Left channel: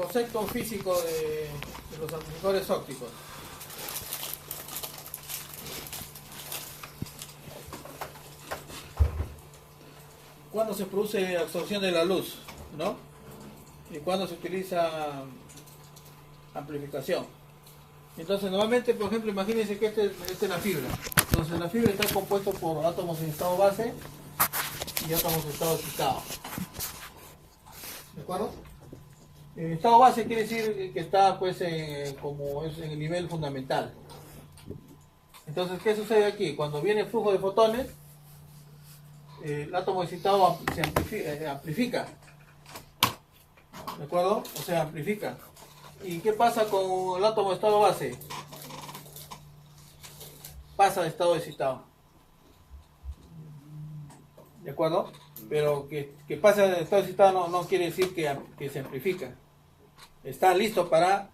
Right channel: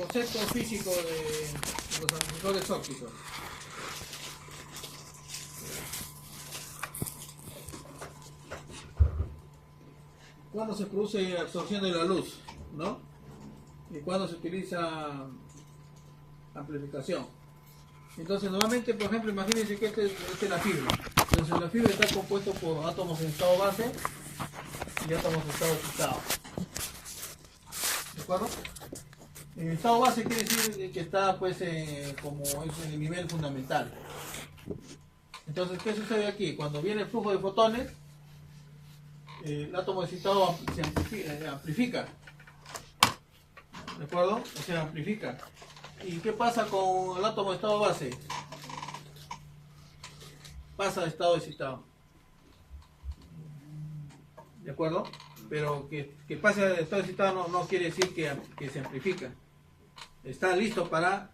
concepto físico de los amplificadores ópticos. Cuando se produce absorción de la luz, ¿no? Y cuando se utiliza amplificación. Entonces, normalmente, por ejemplo, imagínense que esta es la fibra. Entonces, la fibra está compuesta por átomos en estado base y átomos en estado excitado. ¿De acuerdo? El estado base quiere decir que está, pues, como es en el nivel fundamental. Entonces, ¿qué sucede aquí? Cuando viene el flujo de fotones, el átomo excitado se amplifica. ¿De acuerdo? O sea, amplifica. ¿Y qué pasa con el átomo de estado base? Pasa de estado excitado. ¿De acuerdo? Pero que pase de estado excitado no quiere decir que se amplifica. Está listo para,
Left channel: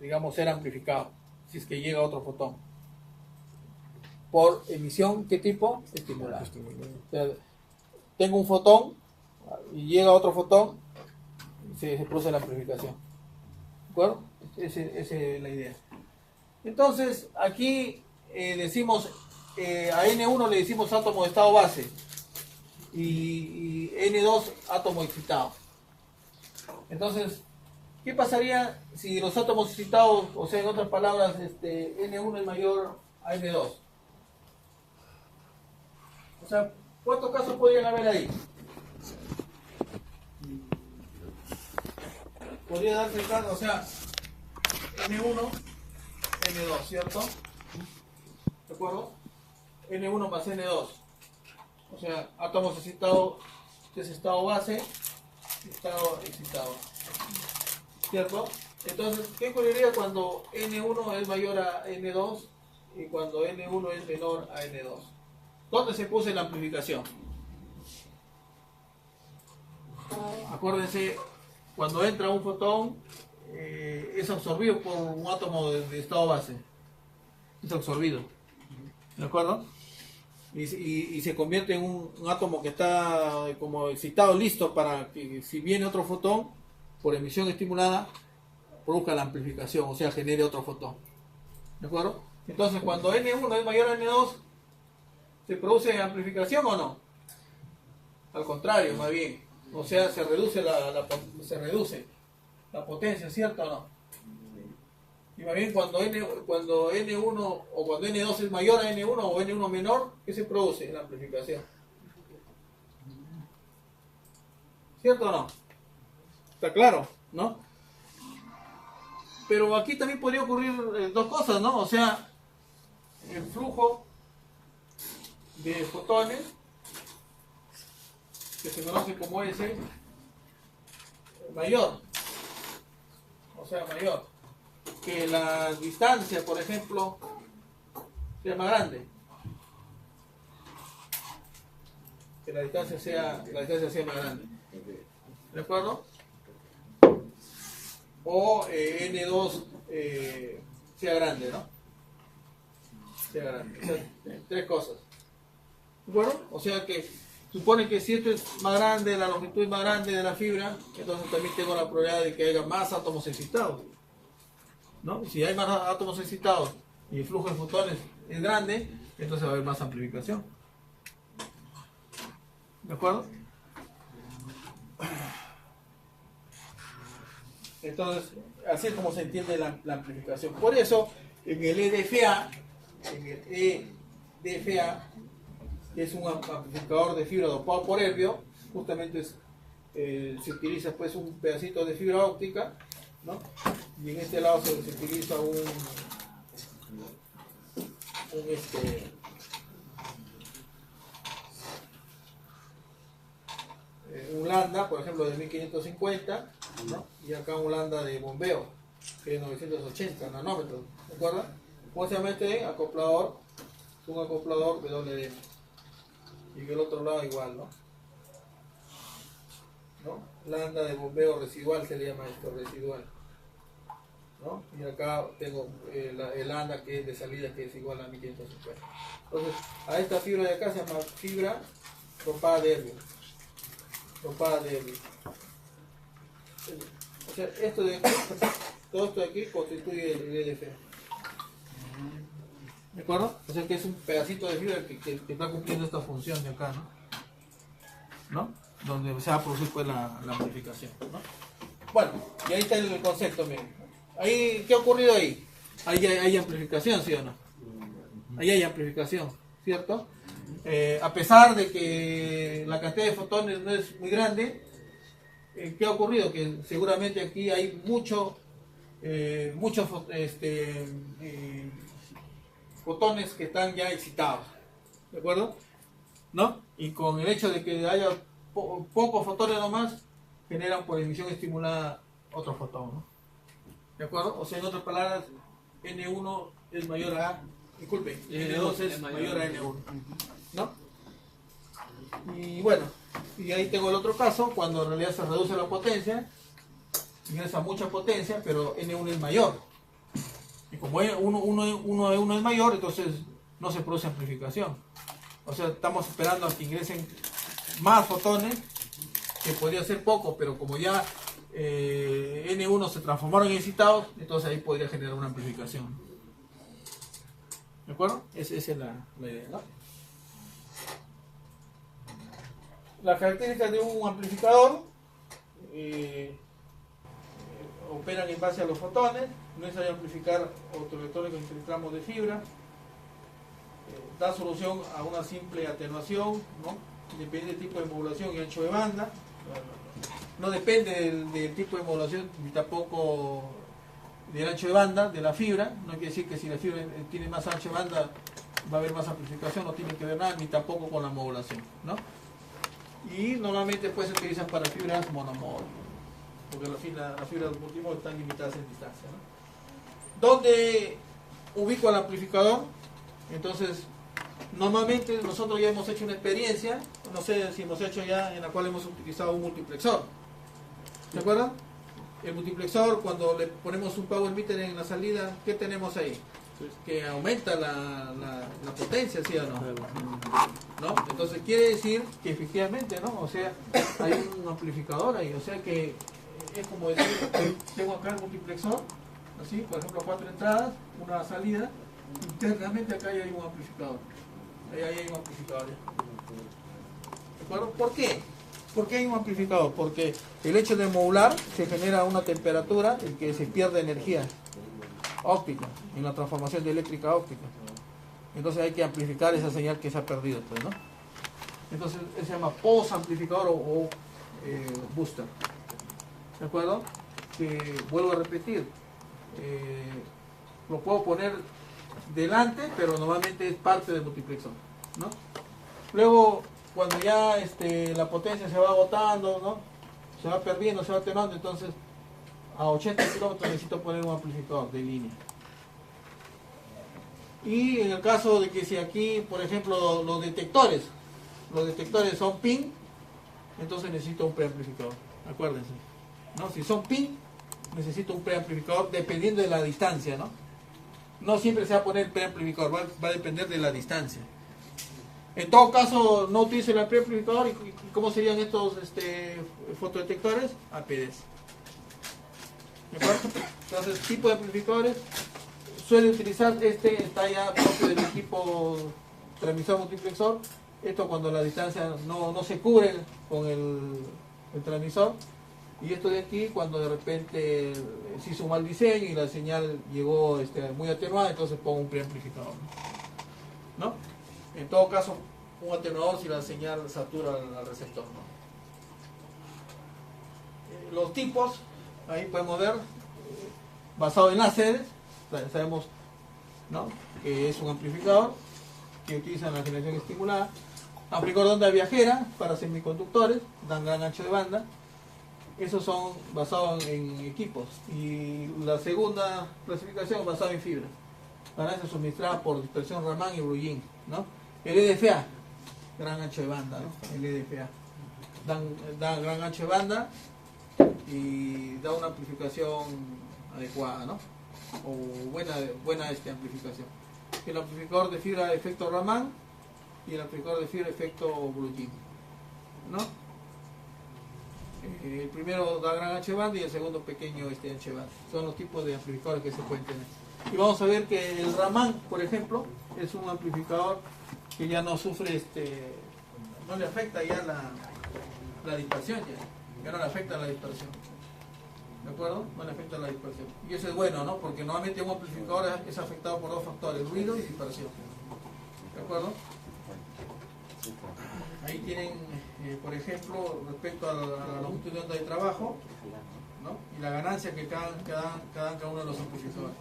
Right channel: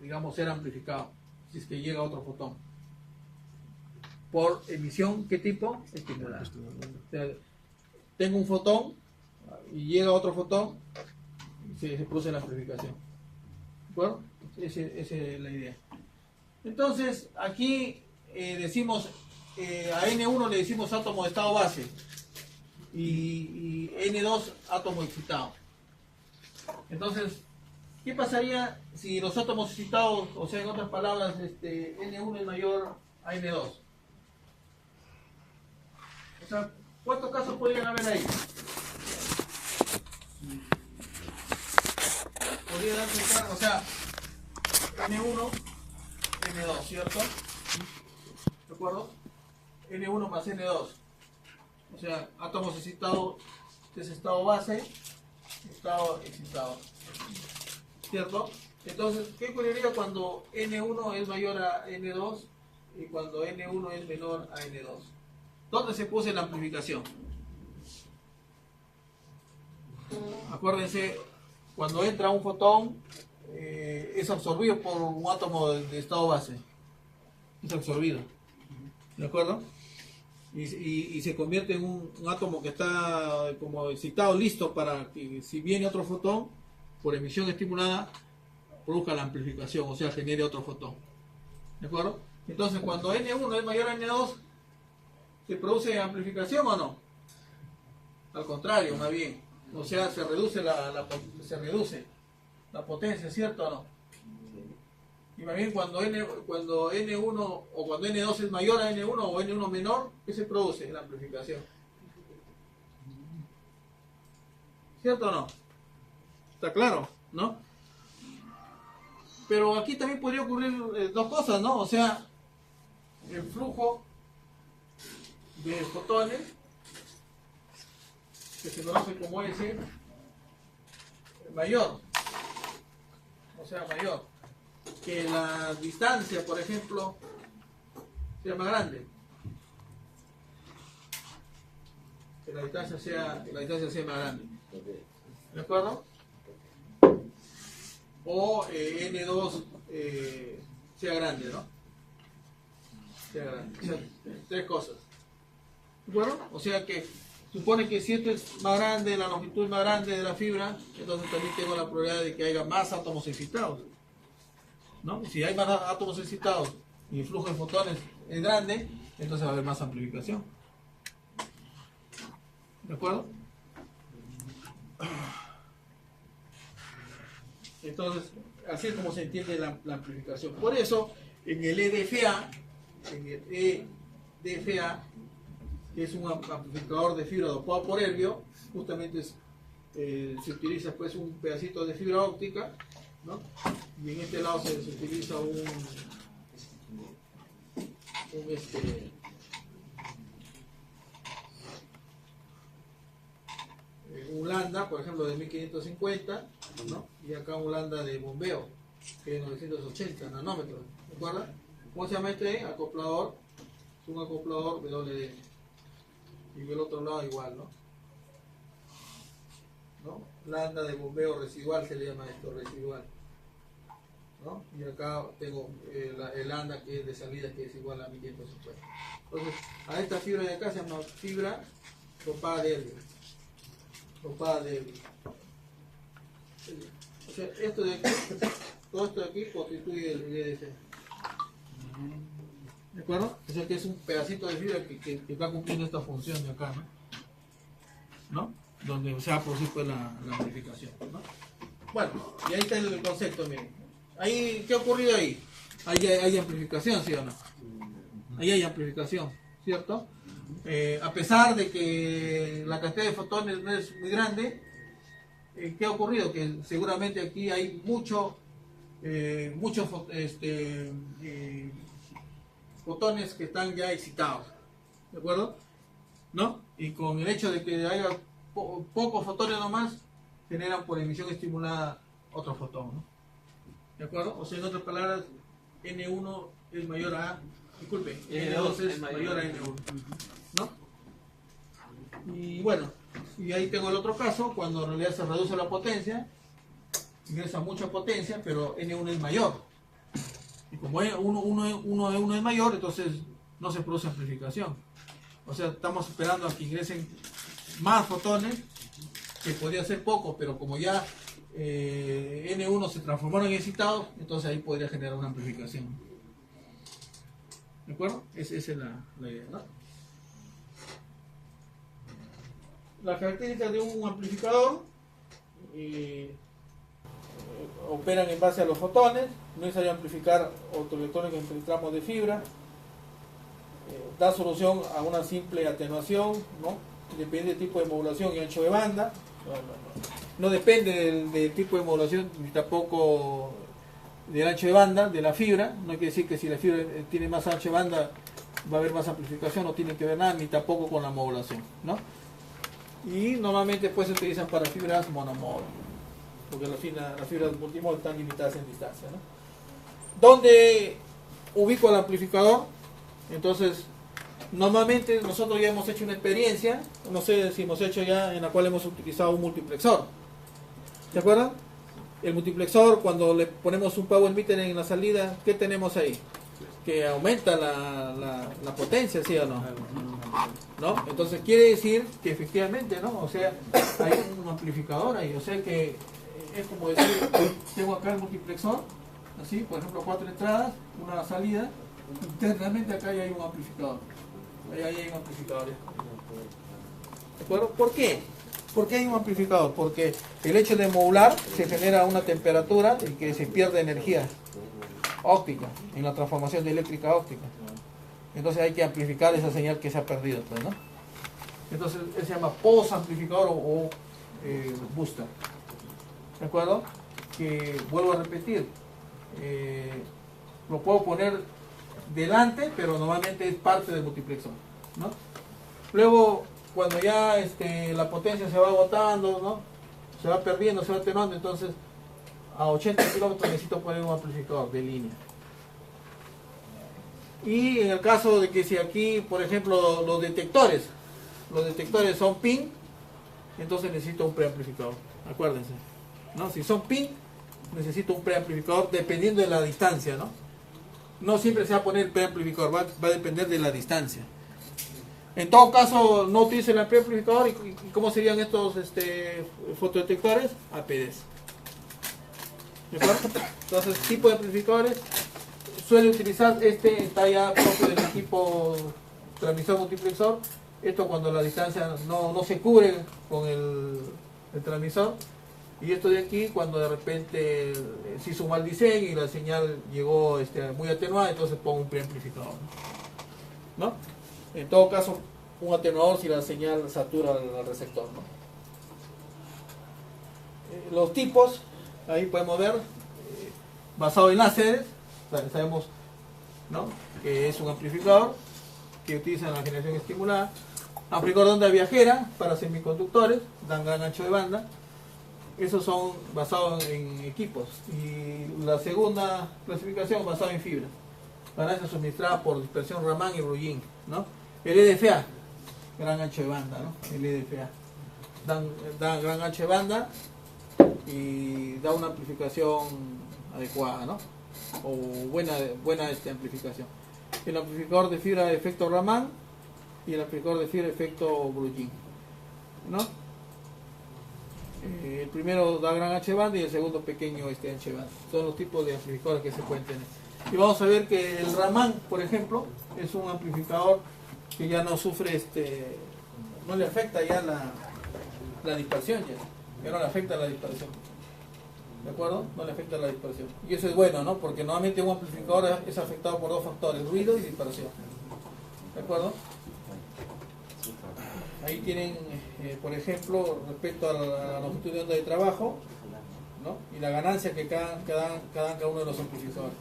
digamos, ser amplificado, si es que llega otro fotón. Por emisión, ¿qué tipo? Estimulada. O sea, tengo un fotón y llega otro fotón, se produce la amplificación. ¿De acuerdo? Esa es la idea. Entonces, aquí decimos, a N1 le decimos átomo de estado base y N2 átomo excitado. Entonces, ¿qué pasaría si los átomos excitados, o sea, en otras palabras, N1 es mayor a N2? O sea, ¿cuántos casos podrían haber ahí? Podría darse caso, o sea, N1, N2, ¿cierto? ¿De acuerdo? N1 más N2. O sea, átomos excitados, este es estado base, estado excitado. ¿Cierto? Entonces, ¿qué ocurriría cuando N1 es mayor a N2 y cuando N1 es menor a N2? ¿Dónde se produce la amplificación? Acuérdense, cuando entra un fotón, es absorbido por un átomo de estado base. Es absorbido. ¿De acuerdo? Y se convierte en un átomo que está como excitado, listo para que si viene otro fotón, por emisión estimulada, produzca la amplificación, o sea, genere otro fotón. ¿De acuerdo? Entonces, cuando N1 es mayor a N2, ¿se produce amplificación o no? Al contrario, más bien. O sea, se reduce la potencia, ¿cierto o no? Y más bien cuando N1 o cuando N2 es mayor a N1 o N1 menor, ¿qué se produce? La amplificación. ¿Cierto o no? Está claro, ¿no? Pero aquí también podría ocurrir dos cosas, ¿no? O sea, el flujo de fotones, que se conoce como S, mayor. O sea, mayor. Que la distancia, por ejemplo, sea más grande. Que la distancia sea más grande. ¿De acuerdo? O N2 sea grande, ¿no? Sea grande. O sea, tres cosas. ¿De acuerdo? O sea que supone que si esto es más grande, la longitud es más grande de la fibra, entonces también tengo la probabilidad de que haya más átomos excitados. ¿No? Si hay más átomos excitados y el flujo de fotones es grande, entonces va a haber más amplificación. ¿De acuerdo? Entonces, así es como se entiende la amplificación. Por eso, en el EDFA, que es un amplificador de fibra dopado por herbio, justamente se utiliza pues un pedacito de fibra óptica, ¿no? Y en este lado se utiliza un lambda, por ejemplo, de 1550, ¿no? Y acá un lambda de bombeo, que es 980 nanómetros, ¿de acuerdo? ¿Cómo se llama este acoplador? Es un acoplador WD. Y en el otro lado igual, ¿no? Lambda de bombeo residual se le llama esto, residual. ¿No? Y acá tengo el lambda que es de salida, que es igual a 1550. Entonces, a esta fibra de acá se llama fibra dopada de herbio. Dopada de herbio. O sea, esto de aquí, todo esto de aquí constituye el EDFA. ¿De acuerdo? O sea que es un pedacito de fibra que va cumpliendo esta función de acá, ¿no? Donde se va a producir pues la amplificación, ¿no? Bueno, y ahí está el concepto, miren. Ahí, ¿qué ha ocurrido ahí? Ahí hay amplificación, ¿sí o no? Ahí hay amplificación, ¿cierto? A pesar de que la cantidad de fotones no es muy grande, ¿qué ha ocurrido? Que seguramente aquí hay muchos fotones que están ya excitados, ¿de acuerdo? ¿No? Y con el hecho de que haya pocos fotones nomás, generan por emisión estimulada otro fotón, ¿no? ¿De acuerdo? O sea, en otras palabras, N1 es mayor a, disculpe, N2 es mayor a N1, ¿no? Y bueno, y ahí tengo el otro caso, cuando en realidad se reduce la potencia, ingresa mucha potencia, pero N1 es mayor. Y como uno es mayor, entonces no se produce amplificación. O sea, estamos esperando a que ingresen más fotones, que podría ser poco, pero como ya N1 se transformaron en excitados, entonces ahí podría generar una amplificación. ¿De acuerdo? Esa es la idea, ¿no? Las características de un amplificador operan en base a los fotones, no es necesario amplificar autoelectrónicos en tramos de fibra, da solución a una simple atenuación, ¿no? Depende del tipo de modulación y ancho de banda, no depende del tipo de modulación ni tampoco del ancho de banda de la fibra. No quiere decir que si la fibra tiene más ancho de banda va a haber más amplificación, no tiene que ver nada, ni tampoco con la modulación, ¿no? Y normalmente pues se utilizan para fibras monomóvil, porque las fibras multimóvil están limitadas en distancia, ¿no? ¿Dónde ubico el amplificador? Entonces, normalmente nosotros ya hemos hecho una experiencia, no sé si hemos hecho ya, en la cual hemos utilizado un multiplexor. ¿Se acuerdan? El multiplexor, cuando le ponemos un power meter en la salida, ¿qué tenemos ahí? Que aumenta la potencia, ¿sí o no? ¿No? Entonces quiere decir que efectivamente, ¿no? O sea, hay un amplificador ahí, o sea que es como decir, tengo acá el multiplexor, así, por ejemplo, 4 entradas, una salida, internamente acá hay un amplificador. Ahí hay un amplificador. ¿De acuerdo? ¿Por qué? ¿Por qué hay un amplificador? Porque el hecho de modular se genera una temperatura en que se pierde energía óptica en la transformación de eléctrica a óptica. Entonces hay que amplificar esa señal que se ha perdido, pues, ¿no? Entonces él se llama post amplificador o booster. ¿De acuerdo? Que vuelvo a repetir, lo puedo poner delante, pero normalmente es parte del multiplexor, ¿no? Luego, cuando ya la potencia se va agotando, ¿no? Se va perdiendo, se va atenuando, entonces a 80 kilómetros necesito poner un amplificador de línea. Y en el caso de que si aquí, por ejemplo, los detectores son PIN, entonces necesito un preamplificador, acuérdense, ¿no? Si son PIN, necesito un preamplificador dependiendo de la distancia, ¿no? No siempre se va a poner el preamplificador, va a depender de la distancia. En todo caso, no utilizo el preamplificador. ¿Y cómo serían estos fotodetectores? APDs. ¿De acuerdo? Entonces, tipo de amplificadores suele utilizar está ya propio del equipo transmisor multiplexor. Esto cuando la distancia no se cubre con el transmisor. Y esto de aquí, cuando de repente se hizo un mal diseño y la señal llegó muy atenuada, entonces pongo un preamplificador, ¿no? En todo caso, un atenuador si la señal satura al receptor, ¿no? Los tipos, ahí podemos ver, basado en láseres, sabemos, ¿no?, que es un amplificador que utiliza la generación estimulada. Amplificador de onda viajera para semiconductores, dan gran ancho de banda. Esos son basados en equipos. Y la segunda clasificación basada en fibra. Ganancia suministrada por dispersión Raman y Bruyin, ¿no? El EDFA, gran ancho de banda, ¿no? El EDFA. Da gran ancho de banda y da una amplificación adecuada, ¿no? O buena amplificación. El amplificador de fibra de efecto Raman y el amplificador de fibra de efecto Bruyin, ¿no? El primero da gran H banda y el segundo pequeño H banda. Son los tipos de amplificadores que se pueden tener. Y vamos a ver que el Raman, por ejemplo, es un amplificador que ya no sufre, no le afecta ya la dispersión, ya no le afecta la dispersión. ¿De acuerdo? No le afecta la dispersión. Y eso es bueno, ¿no? Porque normalmente un amplificador es afectado por dos factores, ruido y dispersión. ¿De acuerdo? Ahí tienen, por ejemplo, respecto a la longitud de onda de trabajo, ¿no? Y la ganancia que dan cada uno de los amplificadores.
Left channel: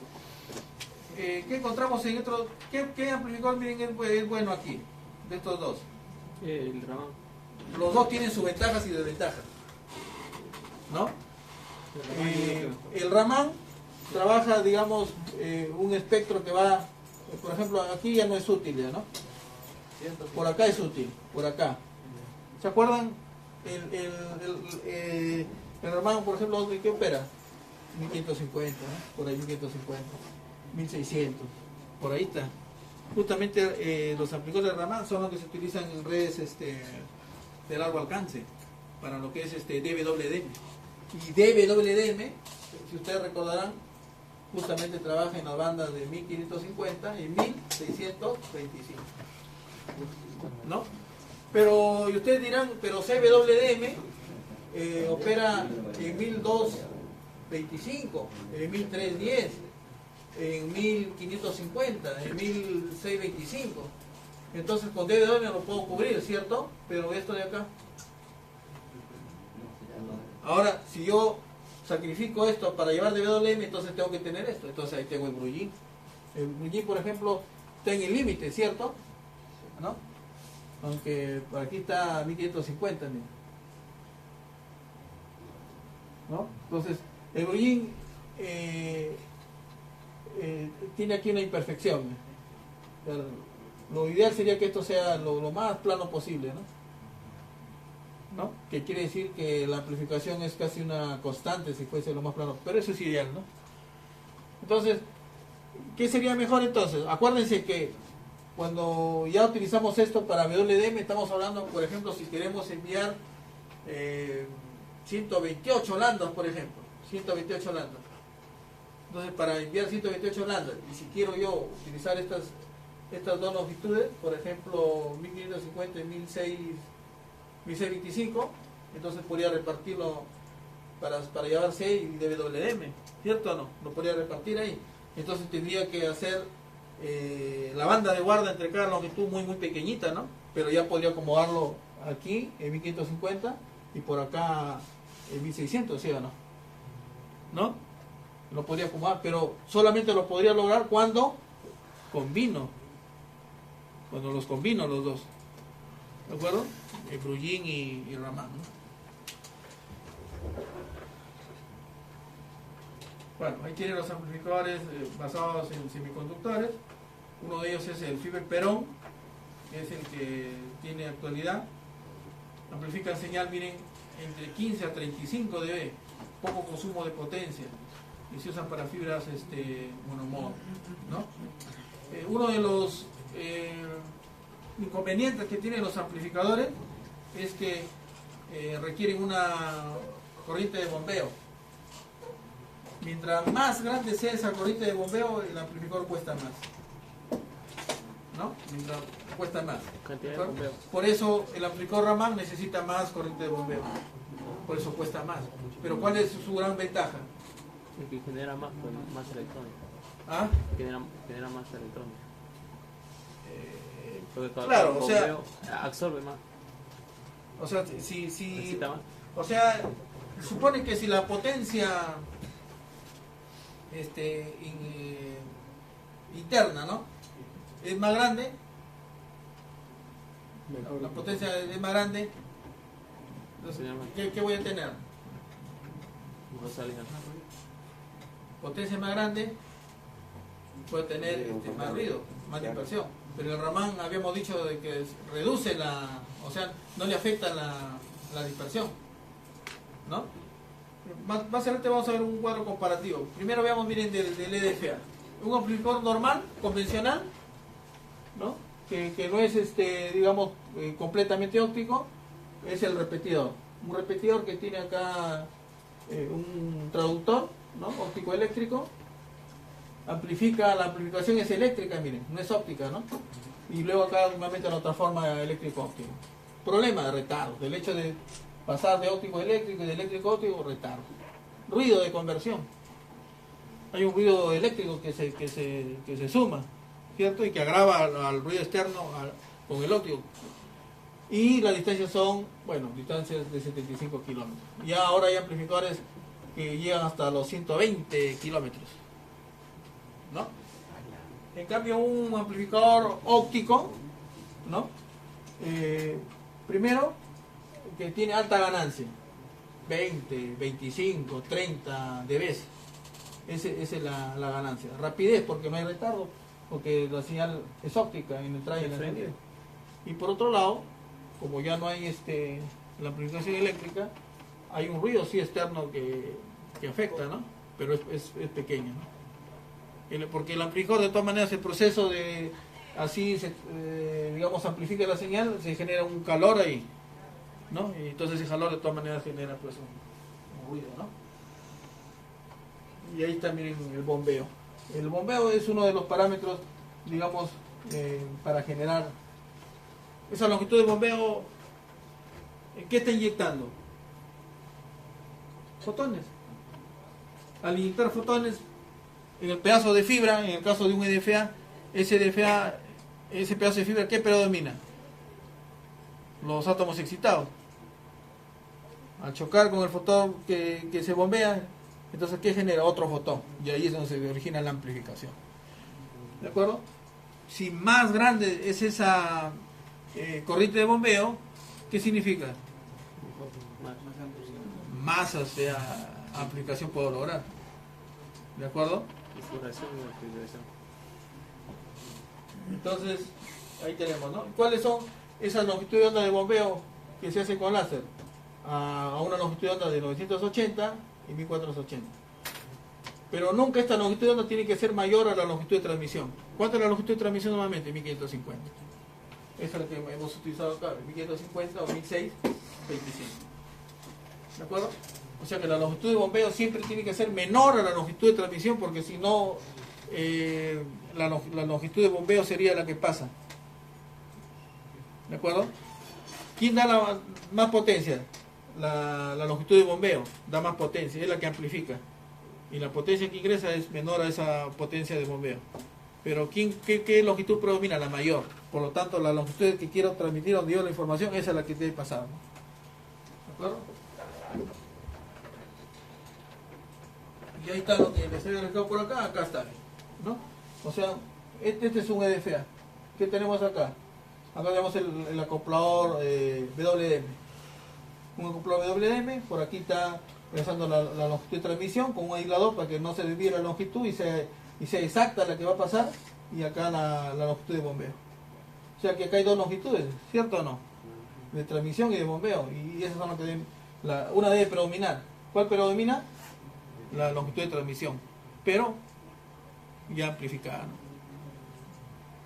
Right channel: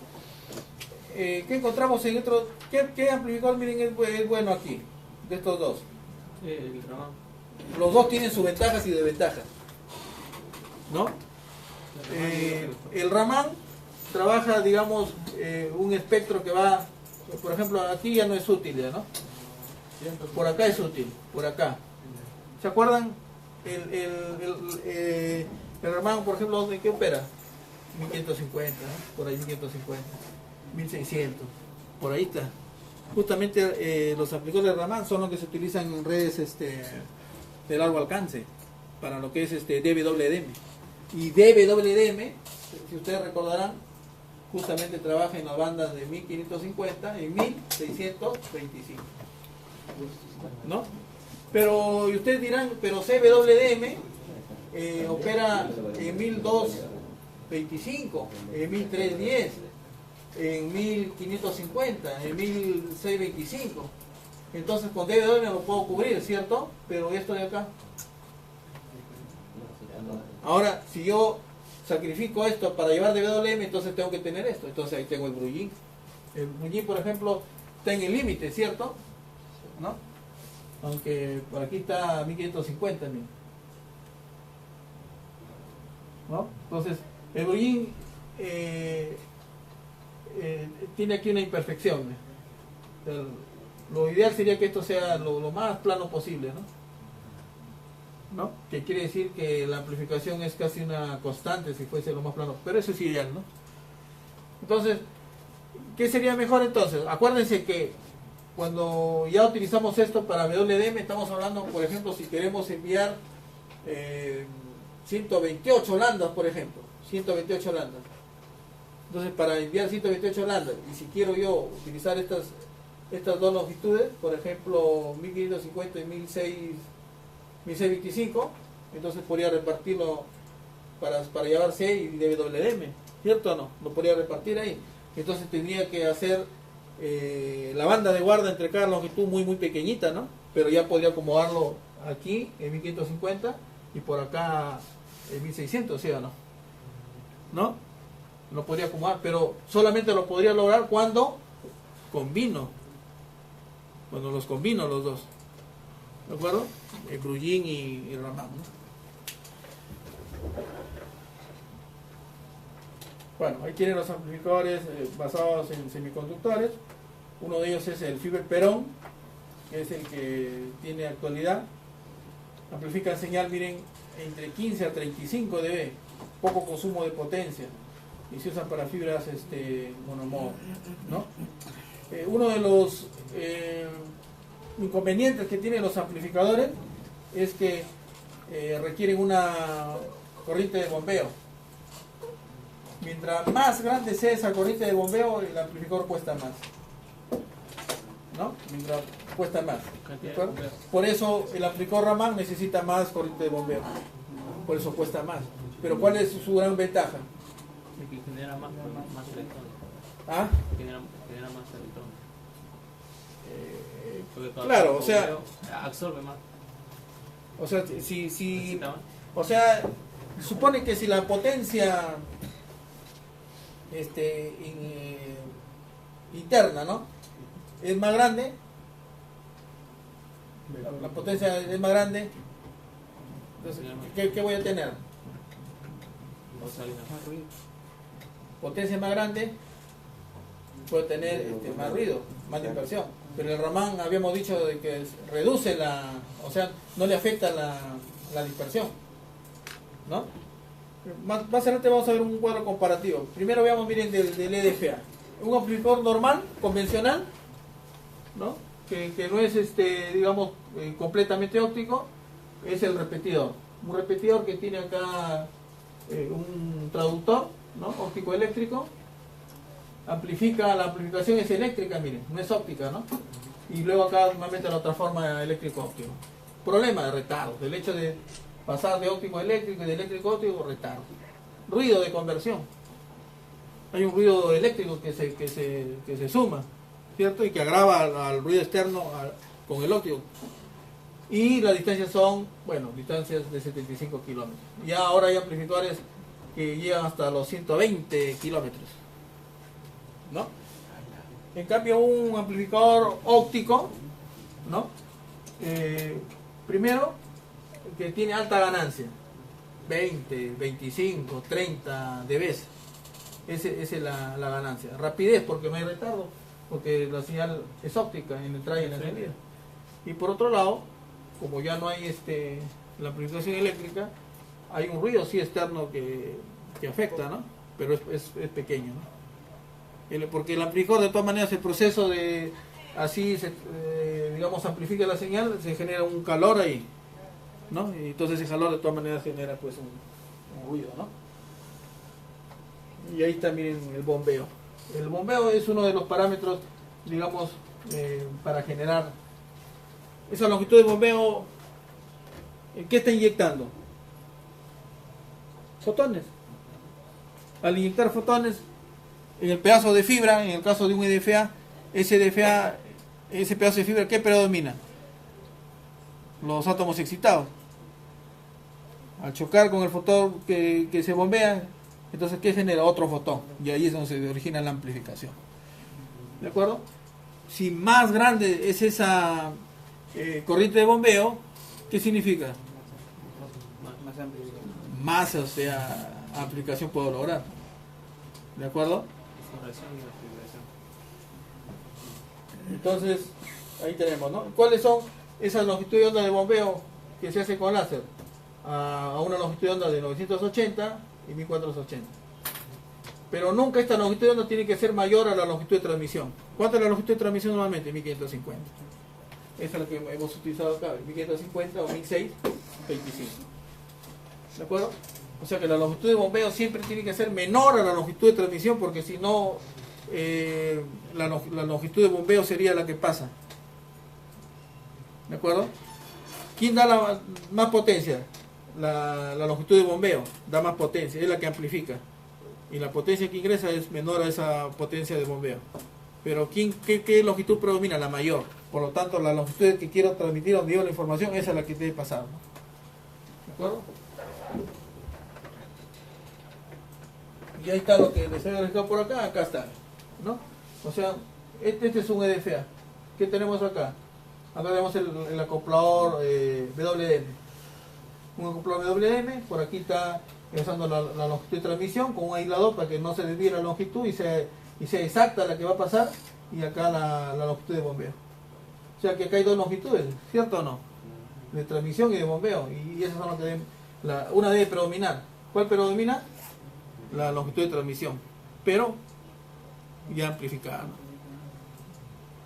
¿Qué encontramos en otro? ¿Qué amplificador, miren, es bueno aquí? De estos dos. Los dos tienen sus ventajas y desventajas, ¿no? El Raman trabaja, digamos, un espectro que va, por ejemplo, aquí ya no es útil, ¿ya, no? Por acá es útil, por acá. ¿Se acuerdan? El Raman, por ejemplo, ¿de qué opera? 1550, ¿no? Por ahí 1550, 1600, por ahí está. Justamente los amplificadores de Raman son los que se utilizan en redes de largo alcance, para lo que es DWDM. Y DWDM, si ustedes recordarán, justamente trabaja en la banda de 1550 y 1625, ¿no? Pero, y ustedes dirán, pero CWDM opera en 1225, en 1310, en 1550, en 1625. Entonces con DWDM lo puedo cubrir, ¿cierto? Pero esto de acá. Ahora, si yo sacrifico esto para llevar DWDM, entonces tengo que tener esto. Entonces ahí tengo el Brugin. El Brugin, por ejemplo, está en el límite, ¿cierto? ¿No? Aunque por aquí está 1550, ¿no? Entonces, el Brugin tiene aquí una imperfección. O sea, lo ideal sería que esto sea lo más plano posible, ¿no? Que quiere decir que la amplificación es casi una constante si fuese lo más plano, pero eso es ideal, ¿no? Entonces, ¿qué sería mejor entonces? Acuérdense que cuando ya utilizamos esto para WDM, estamos hablando, por ejemplo, si queremos enviar 128 landas, por ejemplo, 128 landas. Entonces, para enviar 128 landas, y si quiero yo utilizar estas dos longitudes, por ejemplo, 1550 y 1625, entonces podría repartirlo para llevar 6 y DWDM, ¿cierto o no? Lo podría repartir ahí. Entonces tendría que hacer la banda de guarda entre cada longitud muy pequeñita, ¿no? Pero ya podría acomodarlo aquí en 1550 y por acá en 1600, ¿sí o no? ¿No? Lo podría acomodar, pero solamente lo podría lograr cuando los combino los dos. ¿De acuerdo? El Brugin y el Raman, ¿no? Bueno, ahí tienen los amplificadores basados en semiconductores. Uno de ellos es el Fiber Perón, que es el que tiene actualidad. Amplifica señal, miren, entre 15 a 35 dB, poco consumo de potencia, y se usan para fibras monomodo, ¿no? Uno de los inconvenientes que tienen los amplificadores es que requieren una corriente de bombeo. Mientras más grande sea esa corriente de bombeo, el amplificador cuesta más, ¿no? Mientras cuesta más. Por eso el amplificador Raman necesita más corriente de bombeo. Por eso cuesta más. Pero ¿cuál es su gran ventaja? Que genera más electrones. ¿Ah? Genera más electrones. Claro, o sea, absorbe más. O sea, o sea, supone que si la potencia interna, ¿no? Es más grande, la potencia es más grande, entonces, ¿qué voy a tener? Potencia más grande, puede tener más ruido, más dispersión. Pero el Raman habíamos dicho de que reduce o sea, no le afecta la dispersión, ¿no? Más adelante vamos a ver un cuadro comparativo. Primero veamos, miren, del EDFA. Un amplificador normal, convencional, ¿no? Que no es, digamos, completamente óptico, es el repetidor. un repetidor que tiene acá un traductor, ¿no? Óptico eléctrico. Amplifica, la amplificación es eléctrica, miren, no es óptica, ¿no? Y luego acá nuevamente lo transforma a eléctrico óptico. Problema de retardo, el hecho de pasar de óptico a eléctrico y de eléctrico a óptico, retardo. Ruido de conversión. Hay un ruido eléctrico que se suma, ¿cierto? Y que agrava al ruido externo con el óptico. Y las distancias son, bueno, distancias de 75 kilómetros. Ya ahora hay amplificadores que llegan hasta los 120 kilómetros, ¿no? En cambio, un amplificador óptico, ¿no? Primero, que tiene alta ganancia, 20, 25, 30 dB. Esa es la ganancia. Rapidez, porque no hay retardo, porque la señal es óptica en la entrada y en la salida. Y por otro lado, como ya no hay la amplificación eléctrica, hay un ruido sí externo que afecta, ¿no? Pero es pequeño, ¿no? Porque el amplificador, de todas maneras, el proceso de así digamos, amplifica la señal, se genera un calor ahí, ¿no? Y entonces ese calor de todas maneras genera pues un ruido, ¿no? Y ahí también el bombeo. El bombeo es uno de los parámetros, digamos, para generar esa longitud de bombeo. ¿Qué está inyectando? Fotones. Al inyectar fotones en el pedazo de fibra, en el caso de un EDFA, ese pedazo de fibra, ¿qué predomina? Los átomos excitados. Al chocar con el fotón que se bombea, entonces ¿qué genera? Otro fotón. Y ahí es donde se origina la amplificación. ¿De acuerdo? Si más grande es esa corriente de bombeo, ¿qué significa? Más, o sea, amplificación puedo lograr. ¿De acuerdo? Entonces, ahí tenemos, ¿no? ¿Cuáles son esas longitudes de onda de bombeo que se hace con láser? A una longitud de onda de 980 y 1480. Pero nunca esta longitud de onda tiene que ser mayor a la longitud de transmisión. ¿Cuánto es la longitud de transmisión normalmente? 1550. Esa es la que hemos utilizado acá, 1550 o 1625. ¿De acuerdo? O sea que la longitud de bombeo siempre tiene que ser menor a la longitud de transmisión, porque si no, la longitud de bombeo sería la que pasa. ¿De acuerdo? ¿Quién da más potencia? La longitud de bombeo da más potencia, es la que amplifica. Y la potencia que ingresa es menor a esa potencia de bombeo. Pero ¿qué longitud predomina? La mayor. Por lo tanto, la longitud que quiero transmitir donde yo la información, esa es la que debe pasar, ¿no? ¿De acuerdo? Y ahí está lo que les he dejado por acá está, ¿no? O sea, este es un EDFA. ¿Qué tenemos acá? Acá tenemos el acoplador WDM. Un acoplador WDM, por aquí está usando la longitud de transmisión con un aislador para que no se desvíe la longitud y sea exacta la que va a pasar, y acá la longitud de bombeo. O sea que acá hay dos longitudes, ¿cierto o no? De transmisión y de bombeo, y esas son las que deben, una debe predominar. ¿Cuál predomina? La longitud de transmisión, pero ya amplificada,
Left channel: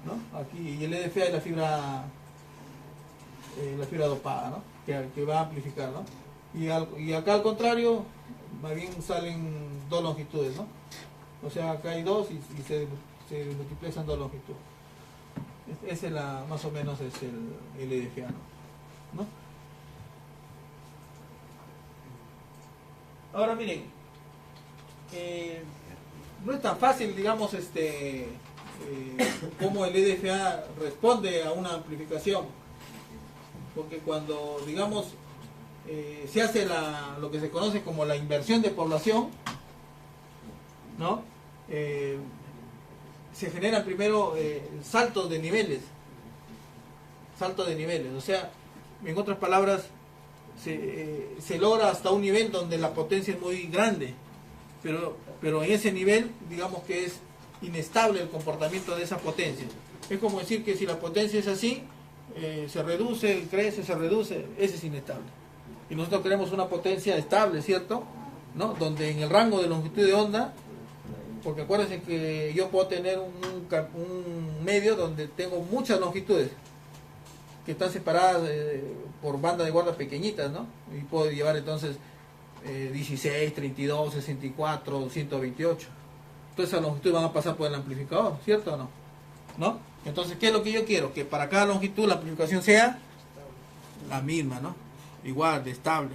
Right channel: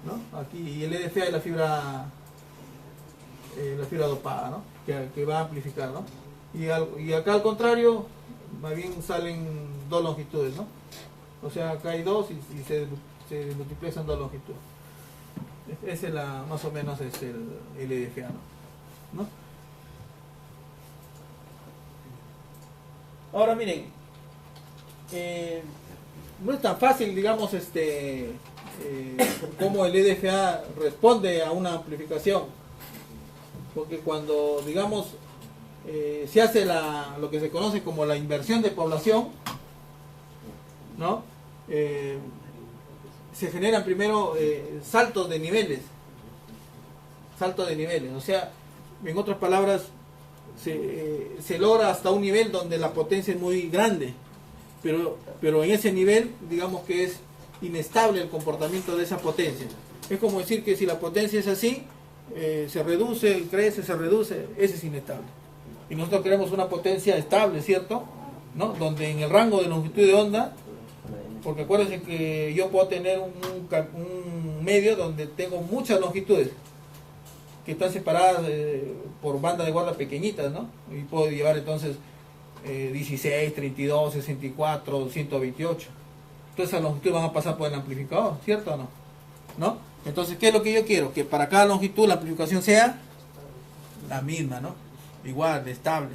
¿no? Aquí, y el EDFA es la fibra dopada, ¿no? Que va a amplificar, ¿no? Y acá al contrario, más bien salen dos longitudes, ¿no? O sea, acá hay dos y se multiplican dos longitudes. Ese es más o menos es el EDFA, ¿no? Ahora miren, no es tan fácil, digamos, cómo el EDFA responde a una amplificación, porque cuando, digamos, se hace lo que se conoce como la inversión de población, ¿no? Se generan primero saltos de niveles, o sea, en otras palabras, se logra hasta un nivel donde la potencia es muy grande, pero en ese nivel, digamos que es inestable el comportamiento de esa potencia. Es como decir que si la potencia es así, se reduce, crece, se reduce, ese es inestable. Y nosotros queremos una potencia estable, ¿cierto? ¿No? Donde en el rango de longitud de onda, porque acuérdense que yo puedo tener un medio donde tengo muchas longitudes, que están separadas por bandas de guarda pequeñitas, ¿no? Y puedo llevar entonces 16, 32, 64, 128. Entonces esas longitudes van a pasar por el amplificador, ¿cierto o no? ¿No? Entonces, ¿qué es lo que yo quiero? Que para cada longitud la amplificación sea la misma, ¿no? Igual, de estable.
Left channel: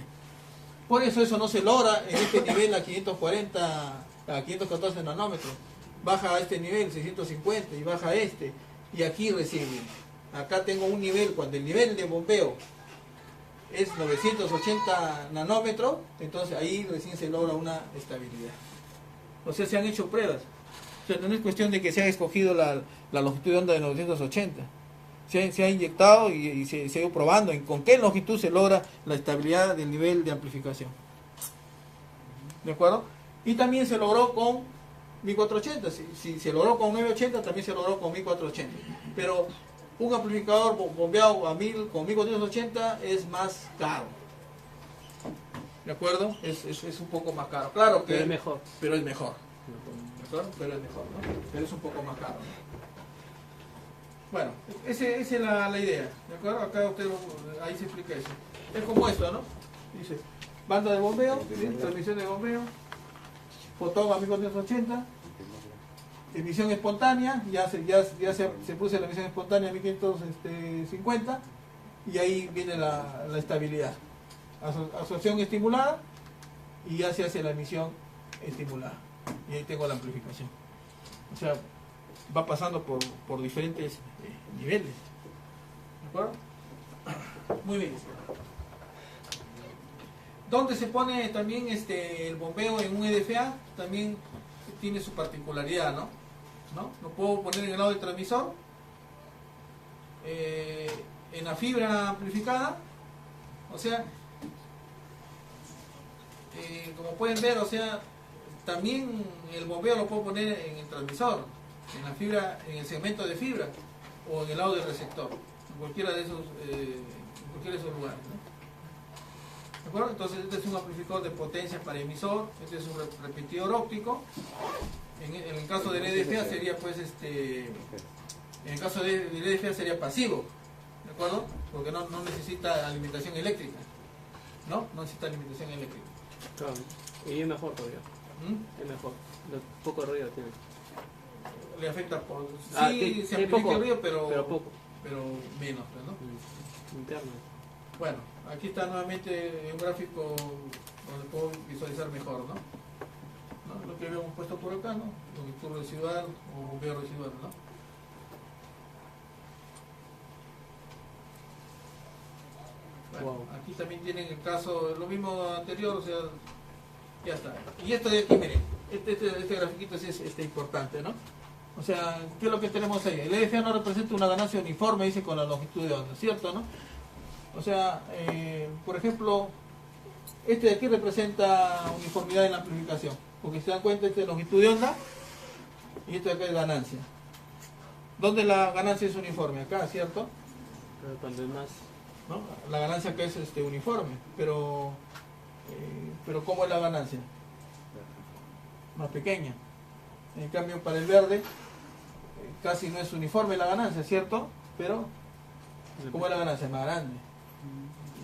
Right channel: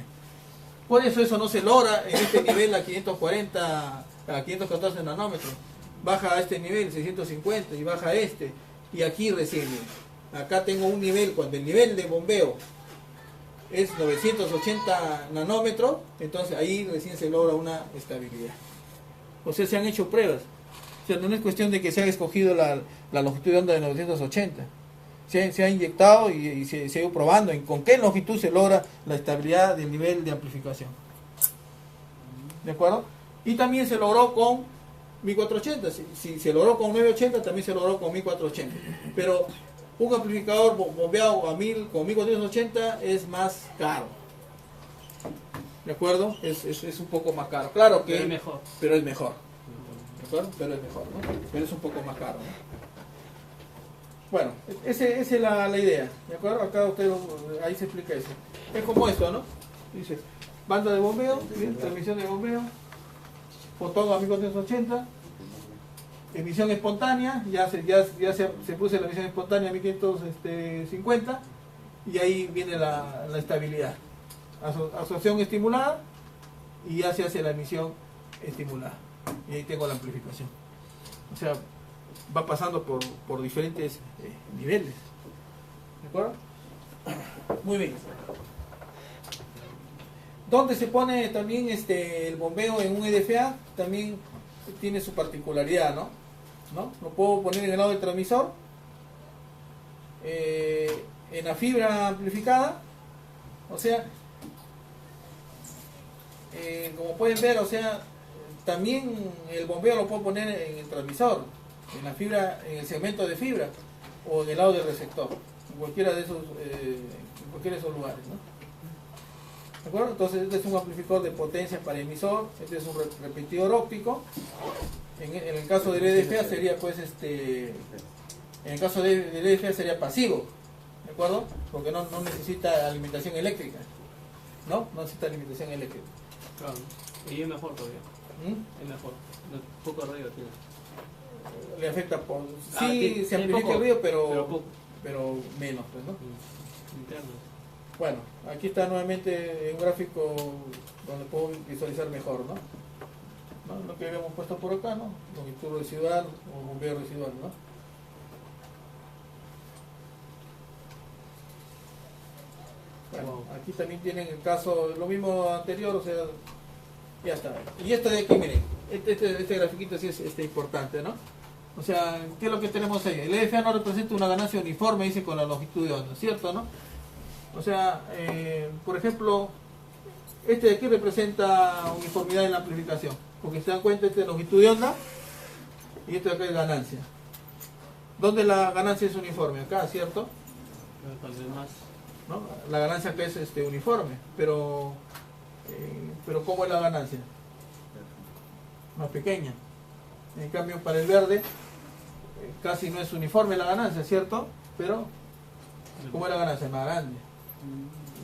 Por eso no se logra en este nivel a 540, a 514 nanómetros. Baja a este nivel, 650, y baja a este. Y aquí recién, acá tengo un nivel, cuando el nivel de bombeo es 980 nanómetros, entonces ahí recién se logra una estabilidad. O sea, se han hecho pruebas. O sea, no es cuestión de que se haya escogido la longitud de onda de 980. Se ha inyectado y se ha ido probando en con qué longitud se logra la estabilidad del nivel de amplificación. ¿De acuerdo? Y también se logró con 1480. Si se logró con 980, también se logró con 1480. Pero un amplificador bombeado a 1000 con 1480 es más caro. ¿De acuerdo? Es un poco más caro. Claro que Pero es mejor. Pero es mejor. ¿De acuerdo? Pero es mejor, ¿no? Pero es un poco más caro, ¿no? Bueno, esa es la idea. ¿De acuerdo? Acá usted, ahí se explica eso. Es como esto, ¿no? Dice, banda de bombeo, ¿bien? Transmisión de bombeo, fotón a 1480, emisión espontánea, ya se puso la emisión espontánea a 1550, y ahí viene la estabilidad. Absorción estimulada, y ya se hace la emisión estimulada. Y ahí tengo la amplificación. O sea, va pasando por diferentes niveles. ¿De acuerdo? Muy bien. ¿Dónde se pone también el bombeo en un EDFA? También tiene su particularidad, ¿no? Lo puedo poner en el lado del transmisor, en la fibra amplificada, o sea, como pueden ver, o sea, también el bombeo lo puedo poner en el transmisor, en la fibra, en el segmento de fibra, o en el lado del receptor, en cualquiera de esos lugares, ¿no? ¿De acuerdo? Entonces este es un amplificador de potencia para emisor, este es un repetidor óptico. En el caso del EDFA sería en el caso del EDFA sería pasivo, ¿de acuerdo? Porque no necesita alimentación eléctrica, ¿no? No necesita alimentación eléctrica. Claro. Y es mejor todavía. Es mejor. Poco ruido tiene. Le afecta por... Ah, Sí, se es amplifica poco, el ruido, pero poco. pero menos, pues, ¿no? Interno. Bueno, aquí está nuevamente un gráfico donde puedo visualizar mejor, ¿no? Lo que habíamos puesto por acá, ¿no? Longitud residual o bombeo residual, ¿no? Bueno, aquí también tienen el caso, lo mismo anterior, o sea, ya está. Y esto de aquí, miren, este grafiquito sí es importante, ¿no? O sea, ¿qué es lo que tenemos ahí? El EDFA no representa una ganancia uniforme, dice, con la longitud de onda, ¿cierto, no? O sea, por ejemplo, este de aquí representa uniformidad en la amplificación, porque se dan cuenta, este es longitud de onda y este de acá es ganancia. ¿Dónde la ganancia es uniforme? Acá, ¿cierto? Cuando es más. ¿No? La ganancia acá es uniforme, pero ¿cómo es la ganancia? Más pequeña. En cambio, para el verde casi no es uniforme la ganancia, ¿cierto? Pero ¿cómo es la ganancia? Más grande.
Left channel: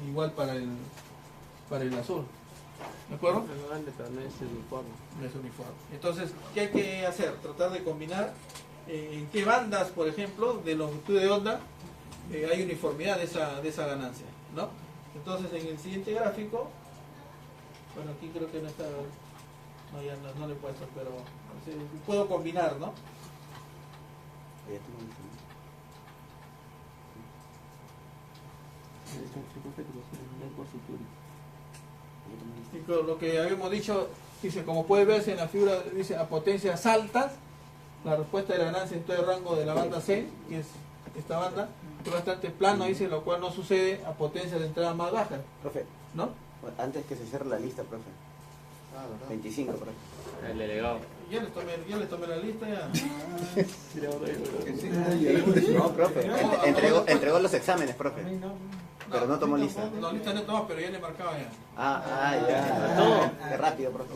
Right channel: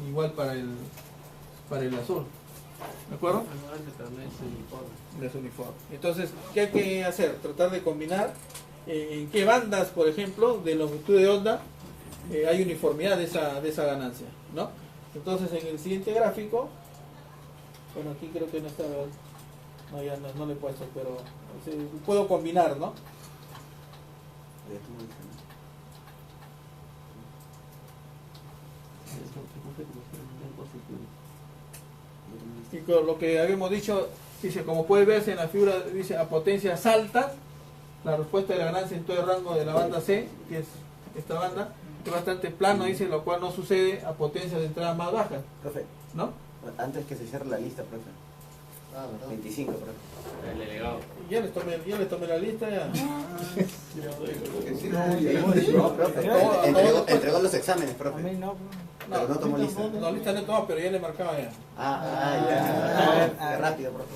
Igual para el azul. ¿De acuerdo? Es grande, pero no es uniforme. No es uniforme. Entonces, ¿qué hay que hacer? Tratar de combinar en qué bandas, por ejemplo, de longitud de onda hay uniformidad de esa ganancia, ¿no? Entonces, en el siguiente gráfico, bueno, aquí creo que no está, no, ya no le he puesto, pero sí, puedo combinar, ¿no? Y con lo que habíamos dicho, dice, como puede verse en la figura, dice, a potencias altas, la respuesta de la ganancia en todo el rango de la banda C, que es esta banda, es bastante plano, dice, lo cual no sucede a potencias de entrada más bajas, Profe, ¿no? antes que se cierre la lista, profe. 25, profe. El delegado. Ya les tomé la lista, ya. No, profe. Entregó los exámenes, profe. Pero no tomó lista. No, lista no tomó, pero ya le marcaba ya. Ya. Qué rápido, profe.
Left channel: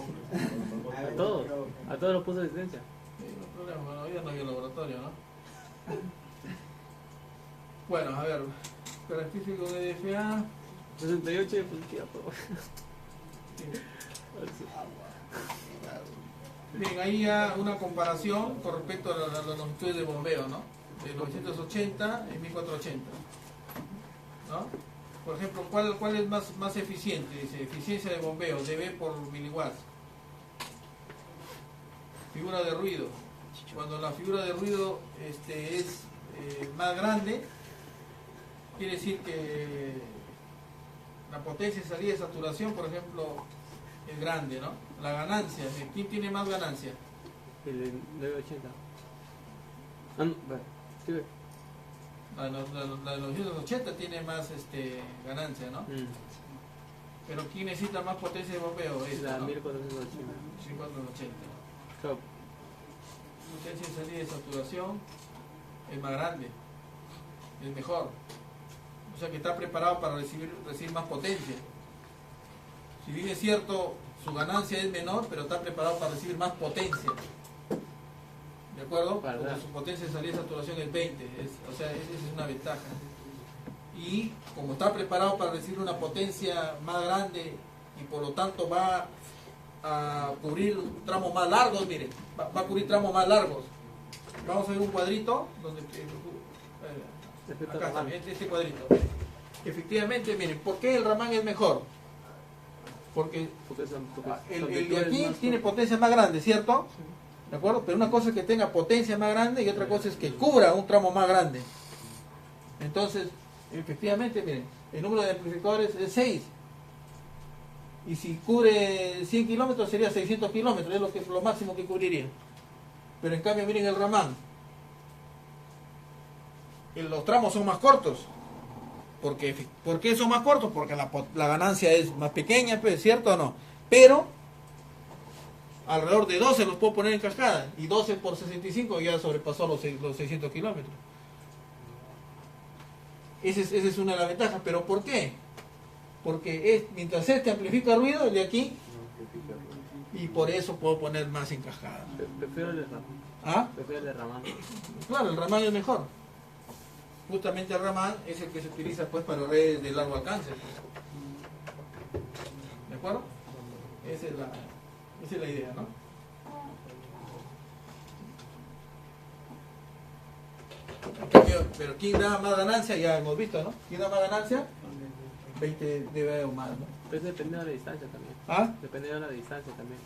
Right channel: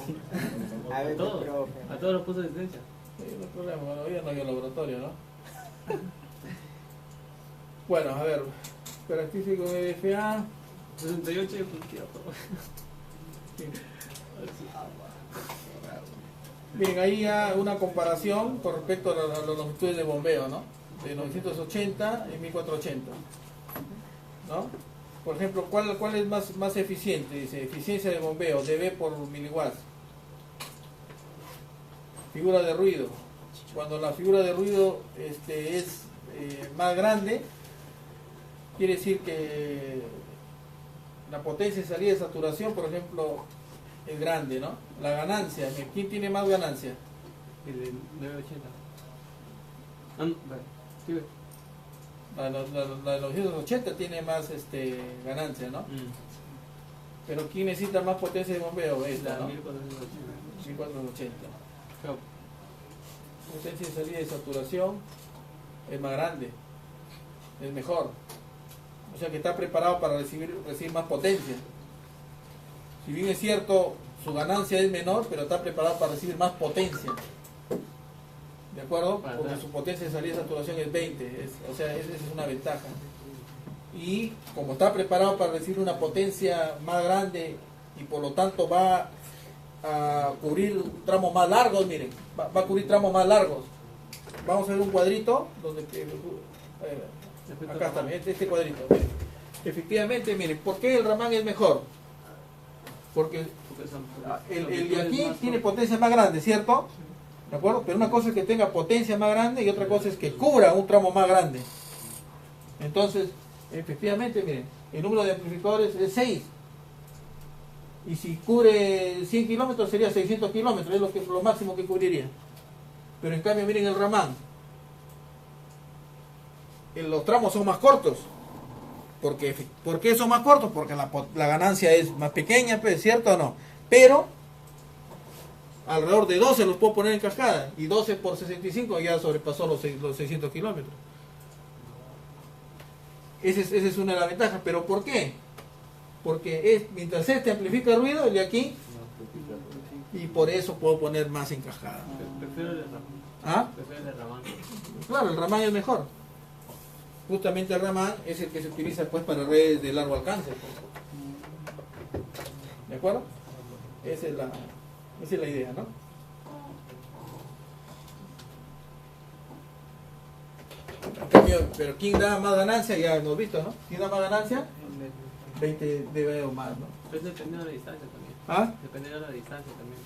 A todos los puso licencia. Sí, no hay problema, bueno, ya no había laboratorio, ¿no? Bueno, a ver, Característico de FA. 68 de Turquía, por favor. Bien, ahí ya una comparación con respecto a las longitudes de bombeo, ¿no? De 980 y 1480, ¿no? Por ejemplo, ¿cuál es más eficiente? Dice, eficiencia de bombeo, dB por miliwatts. Figura de ruido. Cuando la figura de ruido es más grande, quiere decir que la potencia de salida de saturación, por ejemplo, es grande, ¿no? La ganancia, ¿quién tiene más ganancia? El 980. Bueno, sí. La de los 980 tiene más ganancia, ¿no? Pero ¿quién necesita más potencia de bombeo? Esta, ¿no? 1480. Claro. Potencia de salida de saturación es más grande, es mejor. O sea que está preparado para recibir más potencia. Si bien es cierto, su ganancia es menor, pero está preparado para recibir más potencia. ¿De acuerdo? Porque su potencia de salida de saturación es 20. O sea, esa es una ventaja. Y como está preparado para recibir una potencia más grande y por lo tanto va a cubrir tramos más largos, miren, va a cubrir tramos más largos. Vamos a ver un cuadrito donde acá está, este cuadrito. Efectivamente, miren, ¿por qué el Raman es mejor? Porque el de aquí tiene potencia más grande, ¿cierto? ¿De acuerdo? Pero una cosa es que tenga potencia más grande y otra cosa es que cubra un tramo más grande. Entonces, efectivamente, miren, el número de amplificadores es 6. Y si cubre 100 kilómetros sería 600 kilómetros, es lo máximo que cubriría. Pero en cambio, miren el Raman. Los tramos son más cortos. ¿Por qué son más cortos? Porque la ganancia es más pequeña, pues, ¿cierto o no? Pero alrededor de 12 los puedo poner en cascada. Y 12 por 65 ya sobrepasó los 600 kilómetros. Esa es una de las ventajas. ¿Pero por qué? Porque mientras amplifica ruido, el de aquí, y por eso puedo poner más en cascada. Prefiero el de Raman. ¿Ah? Prefiero el de Raman. Claro, el Raman es mejor. Justamente el Raman es el que se utiliza pues para redes de largo alcance. ¿De acuerdo? Esa es la idea, ¿no? Pero ¿quién da más ganancia? Ya hemos visto, ¿no? ¿Quién da más ganancia? 20 dB o más, ¿no? Pues depende de la distancia también. ¿Ah? Depende de la distancia también.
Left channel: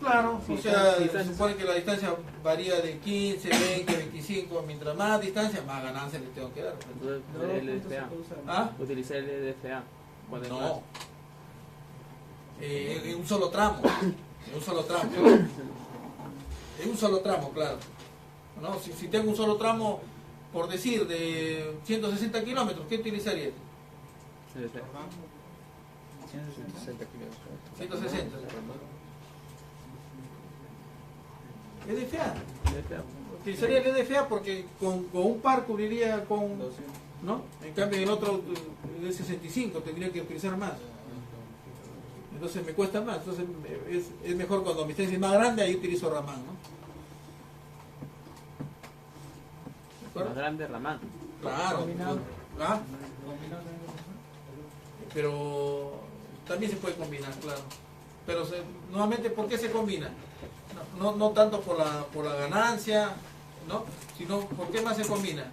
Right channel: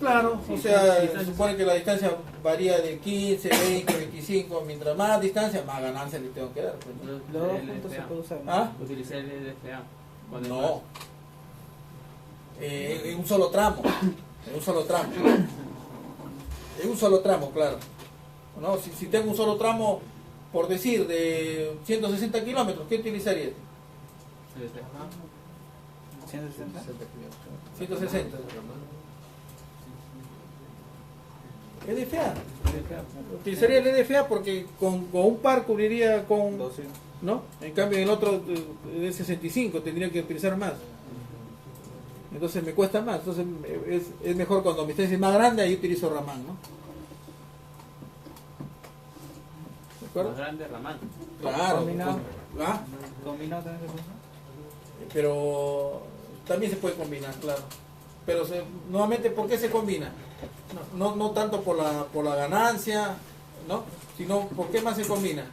Claro, o sea, se supone que la distancia varía de 15, 20, 25, mientras más distancia, más ganancia le tengo que dar. ¿Ah? Utilicé el LDFA. No. En un solo tramo. En un solo tramo. En un solo tramo, claro. ¿No? Si tengo un solo tramo, por decir, de 160 kilómetros, ¿qué utilizaría? 160. LDFA. Utilizaría el LDFA porque con un par cubriría con 200, ¿no? En cambio el otro es 65, tendría que utilizar más. Entonces me cuesta más. Entonces es mejor cuando mi distancia es más grande, ahí utilizo Raman, ¿no? Más grande Raman. Claro. Combinado. ¿Ah? Combinado también. Pero también se puede combinar, claro. Pero nuevamente, ¿por qué se combina? No tanto por la ganancia, ¿no? Sino, ¿por qué más se combina?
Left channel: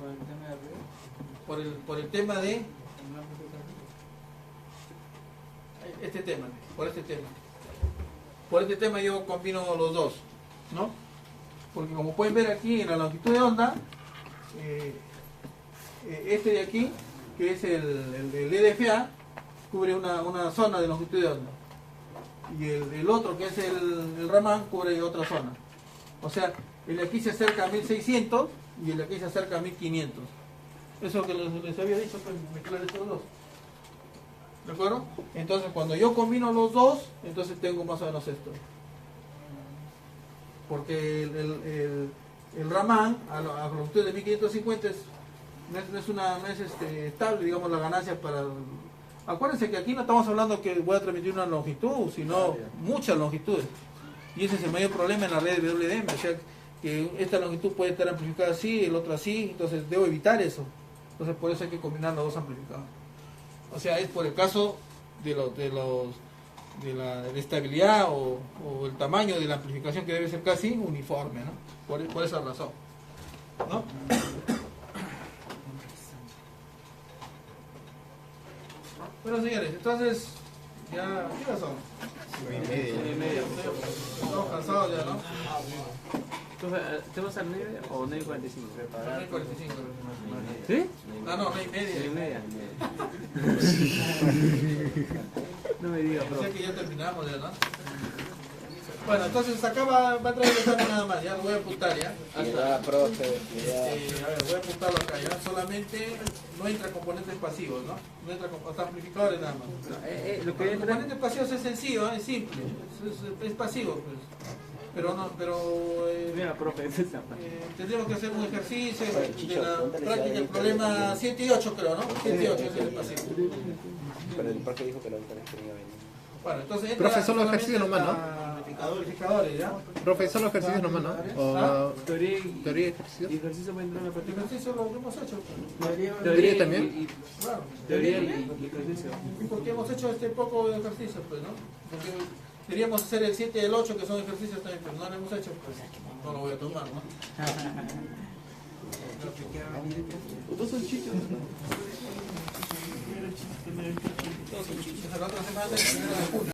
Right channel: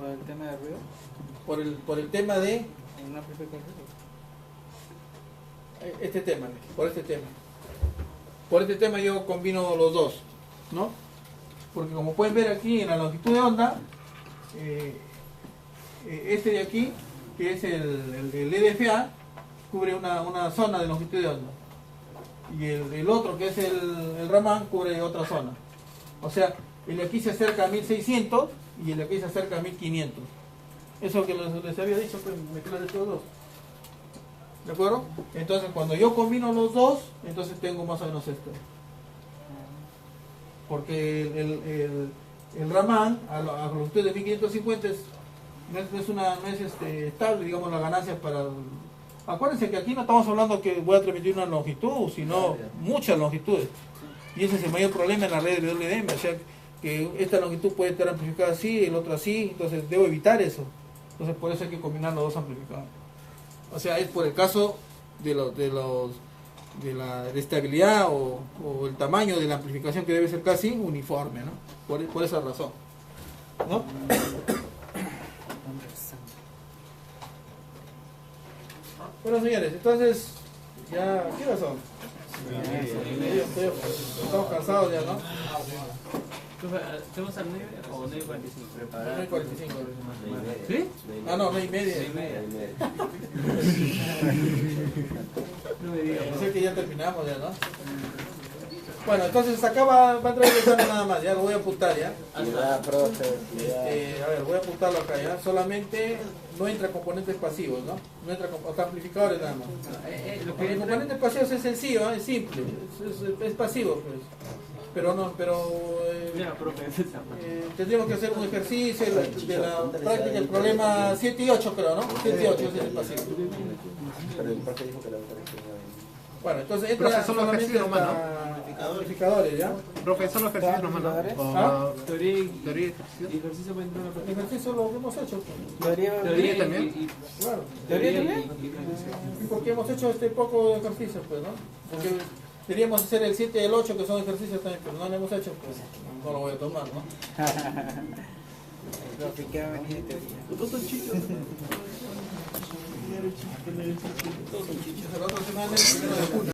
Por el tema de ruido. Por el tema de este tema, por este tema yo combino los dos, ¿no? Porque como pueden ver aquí en la longitud de onda, este de aquí, que es el LDFA, cubre una zona de longitud de onda, y el otro, que es el Raman, cubre otra zona. O sea, el de aquí se acerca a 1600 y el de aquí se acerca a 1500. Eso que les había dicho, pues mezclar estos dos. ¿De acuerdo? Entonces, cuando yo combino los dos, entonces tengo más o menos esto. Porque el Raman, a la longitud de 1550, no es estable, digamos, la ganancia para... Acuérdense que aquí no estamos hablando que voy a transmitir una longitud, sino muchas longitudes. Y ese es el mayor problema en la red de WDM. O sea, que esta longitud puede estar amplificada así, el otro así, entonces debo evitar eso. Entonces por eso hay que combinar los dos amplificadores. O sea, es por el caso de la estabilidad o el tamaño de la amplificación, que debe ser casi uniforme, ¿no? Por esa razón, ¿no? Bueno, señores, entonces ya, ¿qué hora son? Estamos cansados ya, ¿no? ¿Te vas al 9 o 9:45? 9:45. ¿Sí? Ah, no, 9:30. 9:30. No me digas. Yo sé que ya terminamos ya, ¿no? Bueno, entonces acá va a entrar el examen nada más, ya lo voy a apuntar ya. Ya, profe, ya. A ver, voy a apuntarlo acá ya. Solamente no entra componentes pasivos, ¿no? No entra hasta amplificadores nada más. Lo que El entra componente pasivo es sencillo, es simple, es pasivo, pues. Pero no, Mira, profe, tendríamos que hacer un ejercicio de la práctica del problema 7 y 8, creo, ¿no? 7 y 8 es el pasivo. Pero el profe dijo que la doctora iba a venir. Bueno, entonces entra Profesor, los solamente ejercicios nomás, hasta amplificadores, ¿ya? Profesor, los ejercicios nomás, ¿no? ¿Ah? teoría y Teoría y ejercicio. ejercicio va a entrar en la El práctica. ejercicio lo hemos hecho, Teoría también. claro. Teoría y ejercicio. Y porque hemos hecho este poco de ejercicio, pues, ¿no? Porque deberíamos hacer el 7 y el 8, que son ejercicios también, pero no lo hemos hecho, pues no lo voy a tomar, ¿no? Todos son chichos. La otra semana, el 1 de junio.